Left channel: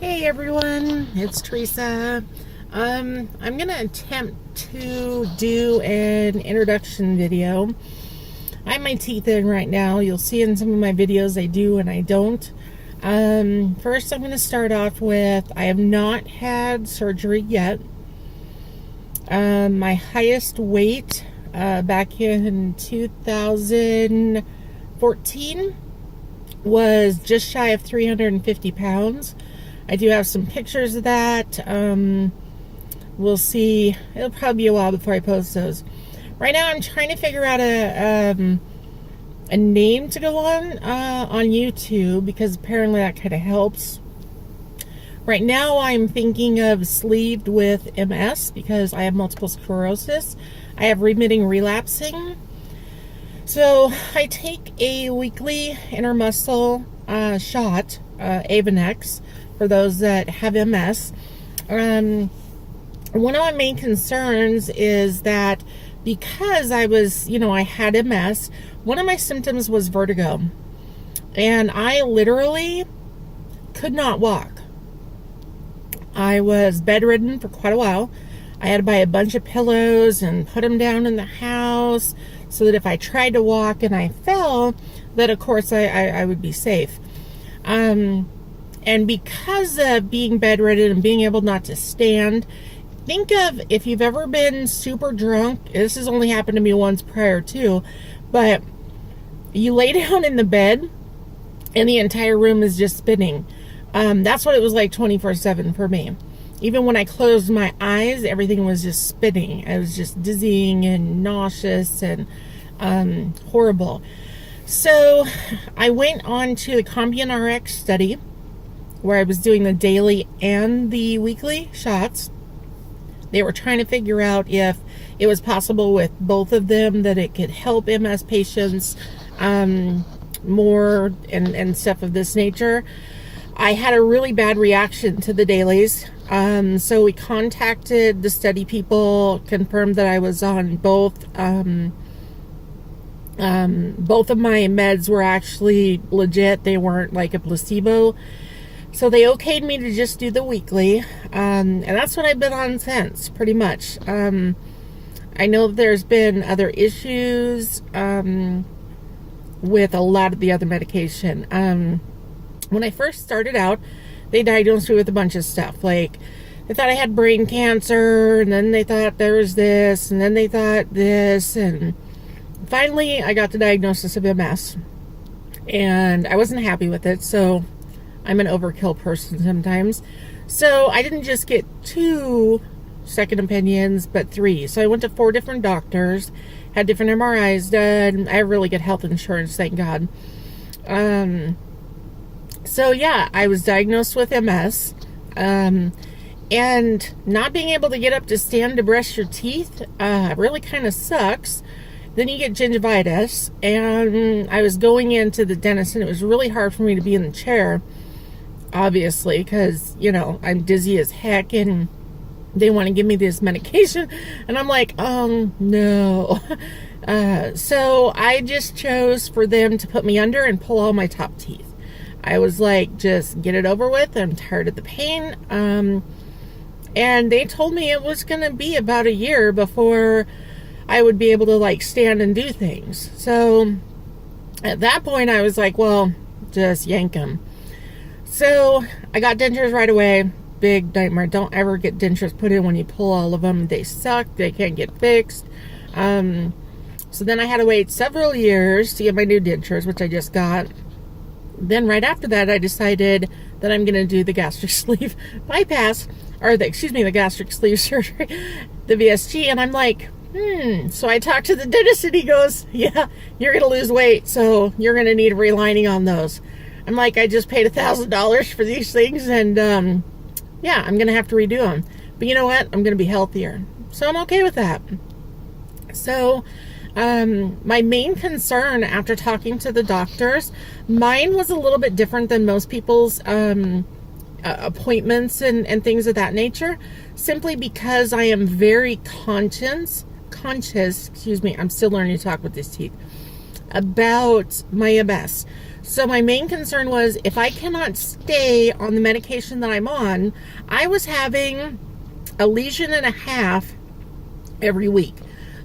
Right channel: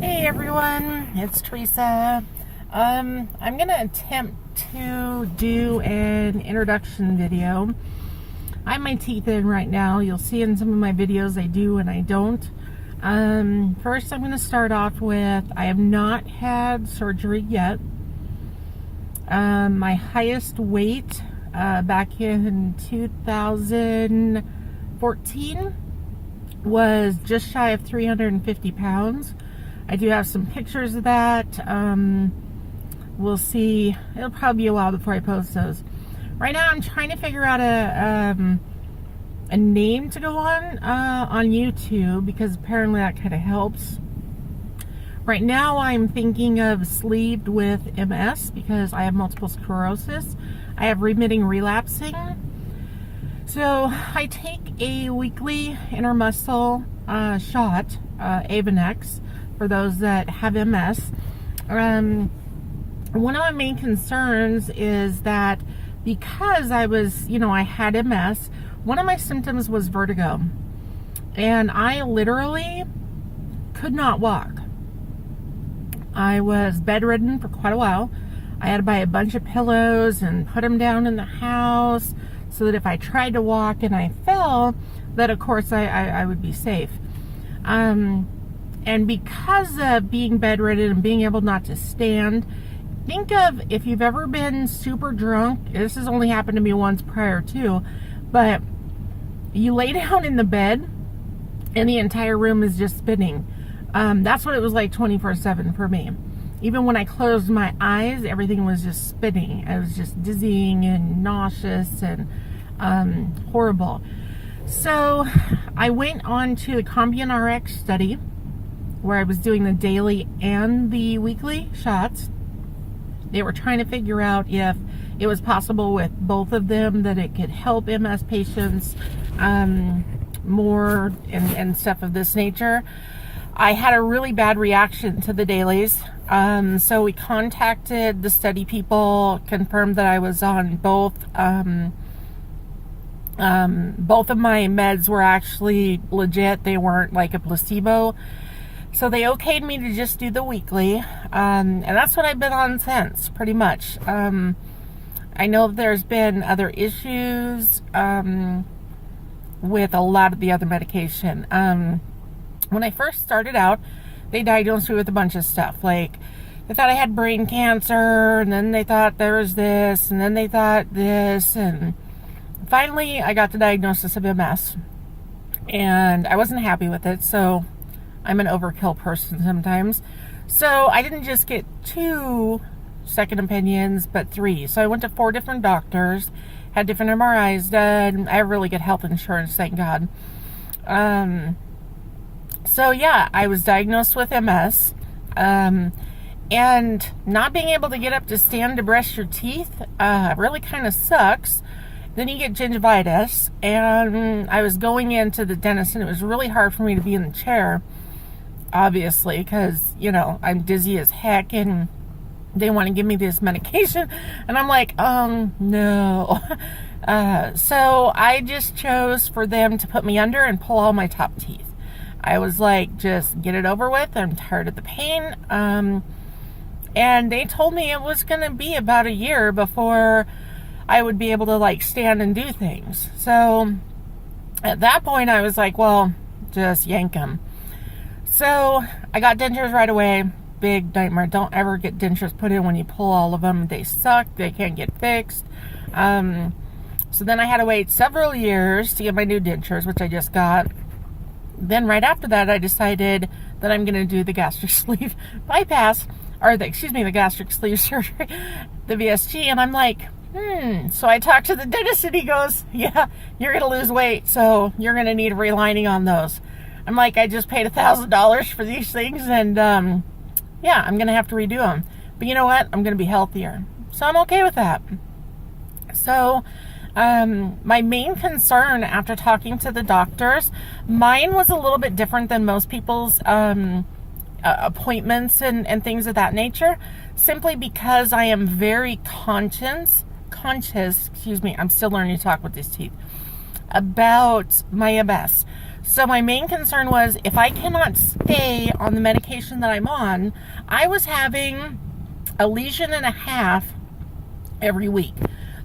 Hey everyone, it's Teresa. I'm gonna attempt to do an introduction video. I have my teeth in right now. You'll see in some of my videos I do and I don't. First I'm gonna start off with, I have not had surgery yet. My highest weight back in 2014 was just shy of 350 pounds. I do have some pictures of that. We'll see. It'll probably be a while before I post those. Right now, I'm trying to figure out a name to go on YouTube, because apparently that kind of helps. Right now, I'm thinking of sleeved with MS because I have multiple sclerosis. I have remitting relapsing. So I take a weekly intermuscle shot, Avonex, for those that have MS. One of my main concerns is that because I had MS, one of my symptoms was vertigo. And I literally could not walk. I was bedridden for quite a while. I had to buy a bunch of pillows and put them down in the house so that if I tried to walk and I fell, that of course I would be safe. And because of being bedridden and being able not to stand, think of if you've ever been super drunk. This has only happened to me once prior to, but you lay down in the bed and the entire room is just spinning. That's what it was like 24/7 for me. Even when I closed my eyes, everything was just spinning. I was just dizzying and nauseous and horrible. So I went on to the Combian RX study, where I was doing the daily and the weekly shots. They were trying to figure out if it was possible with both of them that it could help MS patients more and stuff of this nature. I had a really bad reaction to the dailies. So we contacted the study people, confirmed that I was on both. Both of my meds were actually legit. They weren't like a placebo. So they okayed me to just do the weekly. And that's what I've been on since, pretty much. I know there's been other issues with a lot of the other medication. When I first started out, they diagnosed me with a bunch of stuff. Like, they thought I had brain cancer, and then they thought there was this, and then they thought this, and finally I got the diagnosis of MS. And I wasn't happy with it, so I'm an overkill person sometimes. So I didn't just get 2 second opinions, but 3. So I went to 4 different doctors, had different MRIs done. I have really good health insurance, thank God. So yeah, I was diagnosed with MS, and not being able to get up to stand to brush your teeth really kind of sucks. Then you get gingivitis, and I was going into the dentist, and it was really hard for me to be in the chair, obviously, because, I'm dizzy as heck, and they want to give me this medication, and I'm like, no. So I just chose for them to put me under and pull all my top teeth. I was like, just get it over with. I'm tired of the pain. And they told me it was going to be about a year before I would be able to like stand and do things. So at that point I was like, well, just yank them. So I got dentures right away. Big nightmare. Don't ever get dentures put in when you pull all of them. They suck. They can't get fixed. So then I had to wait several years to get my new dentures, which I just got. Then right after that, I decided that I'm going to do the gastric sleeve bypass, or the gastric sleeve surgery, the VSG. And I'm like, So I talked to the dentist, and he goes, yeah, you're going to lose weight, so you're going to need a relining on those. I'm like, I just paid $1,000 for these things, and yeah, I'm going to have to redo them. But you know what? I'm going to be healthier. So I'm okay with that. So my main concern after talking to the doctors, mine was a little bit different than most people's appointments and things of that nature, simply because I am very conscious, I'm still learning to talk with these teeth, about my MS. So my main concern was if I cannot stay on the medication that I'm on, I was having a lesion and a half every week.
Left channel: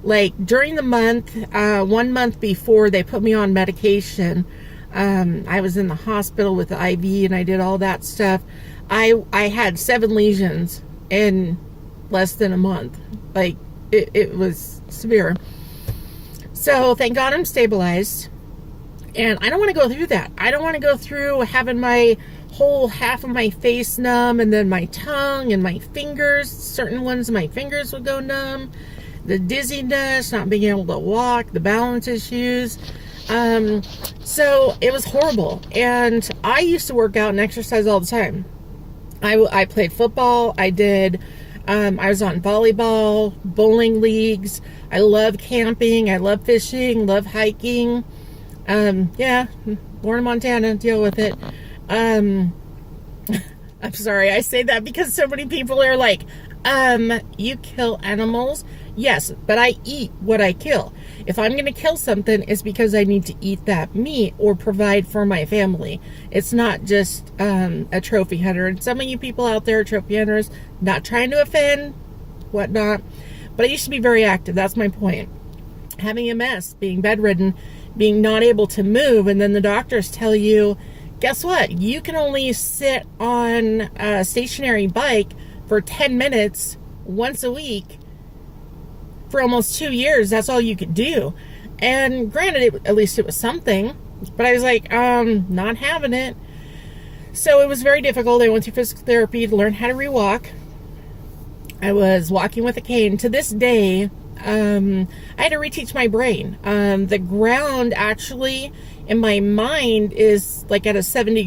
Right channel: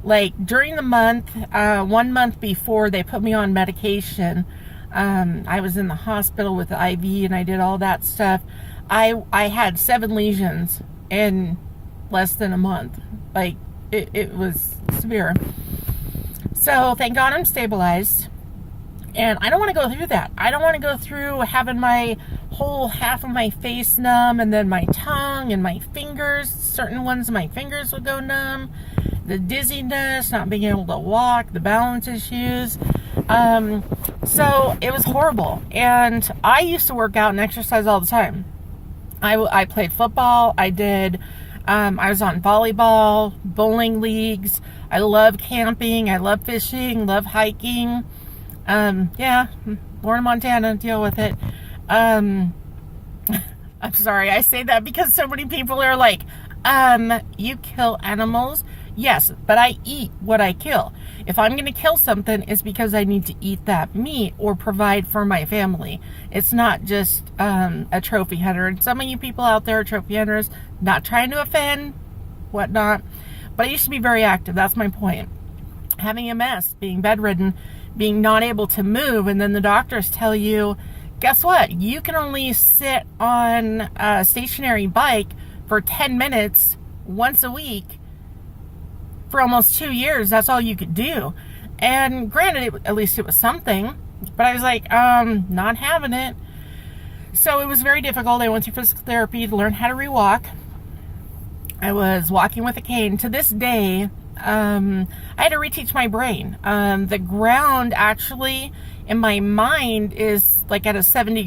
Like during the month, 1 month before they put me on medication, I was in the hospital with the IV and I did all that stuff. I had 7 lesions in less than a month. Like it was severe. So thank God I'm stabilized. And I don't want to go through that. I don't want to go through having my whole half of my face numb and then my tongue and my fingers. Certain ones of my fingers would go numb. The dizziness, not being able to walk, the balance issues. So it was horrible. And I used to work out and exercise all the time. I played football. I was on volleyball, bowling leagues. I love camping. I love fishing, love hiking. Yeah, born in Montana, deal with it. I'm sorry, I say that because so many people are like, you kill animals? Yes, but I eat what I kill. If I'm going to kill something, it's because I need to eat that meat or provide for my family. It's not just a trophy hunter. And some of you people out there are trophy hunters, not trying to offend, whatnot. But I used to be very active. That's my point. Having MS, being bedridden, being not able to move, and then the doctors tell you, guess what? You can only sit on a stationary bike for 10 minutes once a week for almost 2 years. That's all you could do. And granted, at least it was something, but I was like, not having it. So it was very difficult. I went through physical therapy to learn how to rewalk. I was walking with a cane. To this day, I had to reteach my brain. The ground actually in my mind is like at a 70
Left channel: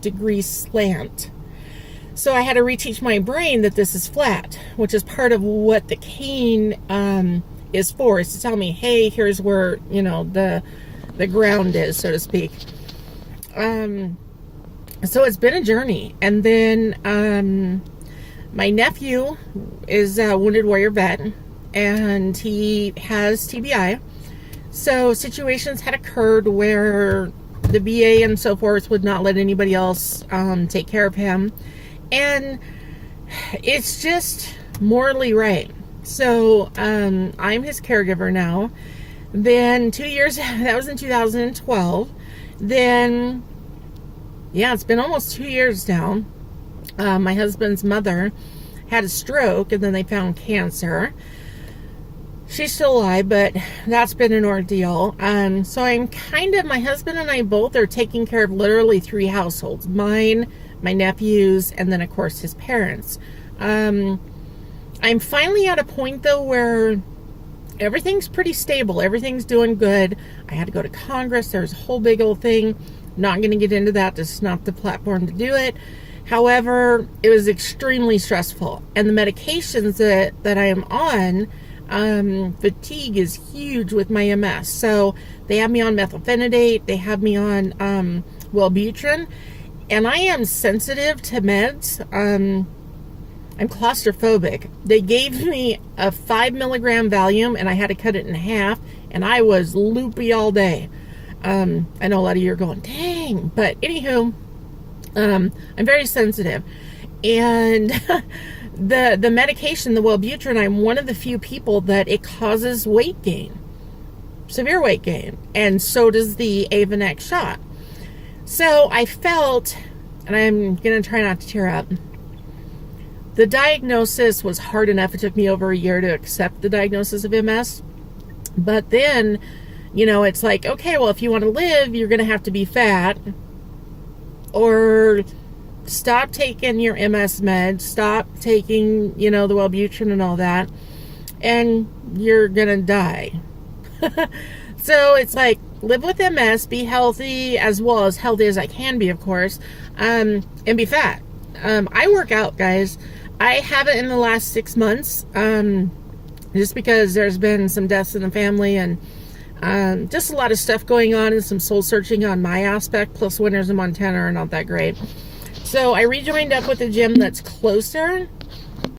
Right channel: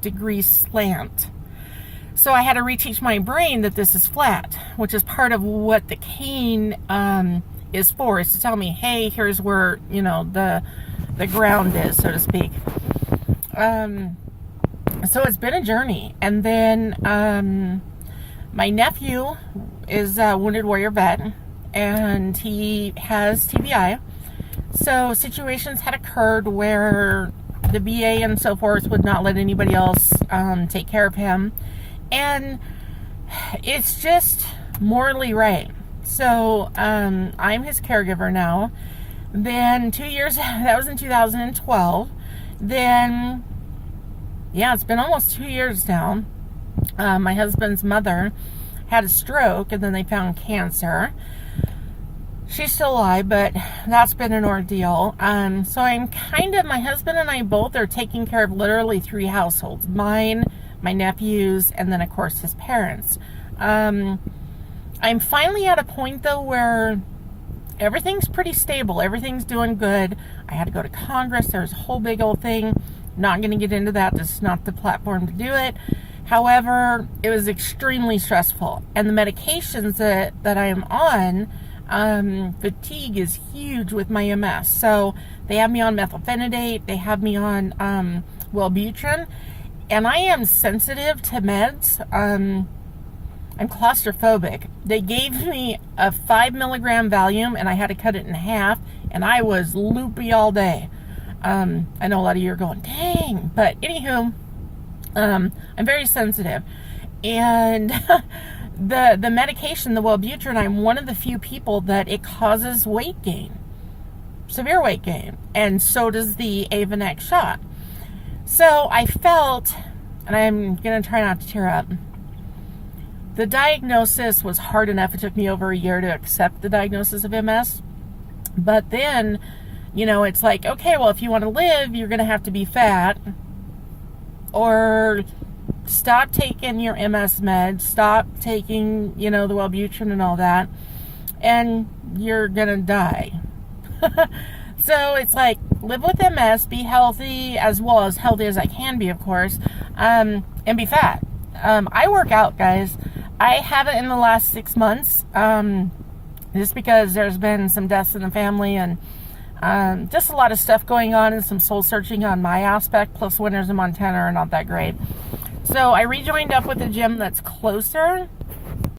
degree slant. So I had to reteach my brain that this is flat, which is part of what the cane is for, is to tell me, hey, here's where, you know, the ground is, so to speak. So it's been a journey. And then my nephew is a wounded warrior vet, and he has TBI. So situations had occurred where the VA and so forth would not let anybody else take care of him. And it's just morally right. So I'm his caregiver now. Then 2 years, that was in 2012. Then, yeah, it's been almost 2 years now. My husband's mother had a stroke, and then they found cancer. She's still alive, but that's been an ordeal. So I'm my husband and I both are taking care of literally 3 households. Mine, my nephews, and then of course his parents. I'm finally at a point though where everything's pretty stable. Everything's doing good. I had to go to Congress. There's a whole big old thing. Not going to get into that. This is not the platform to do it. However, it was extremely stressful. And the medications that I am on, fatigue is huge with my MS. So they have me on methylphenidate. They have me on Wellbutrin. And I am sensitive to meds. I'm claustrophobic. They gave me a 5 milligram Valium, and I had to cut it in half, and I was loopy all day. I know a lot of you are going, dang. But anywho, I'm very sensitive. And the medication, the Wellbutrin, I'm one of the few people that it causes weight gain. Severe weight gain. And so does the Avonex shot. So I felt, and I'm going to try not to tear up, the diagnosis was hard enough. It took me over a year to accept the diagnosis of MS. But then, you know, it's like, okay, well, if you want to live, you're going to have to be fat. Or stop taking your MS meds. Stop taking, you know, the Wellbutrin and all that. And you're going to die. So it's like, live with MS, be healthy, as well as healthy as I can be, of course, and be fat. I work out, guys. I haven't in the last 6 months, just because there's been some deaths in the family and just a lot of stuff going on and some soul searching on my aspect, plus winters in Montana are not that great. So I rejoined up with a gym that's closer,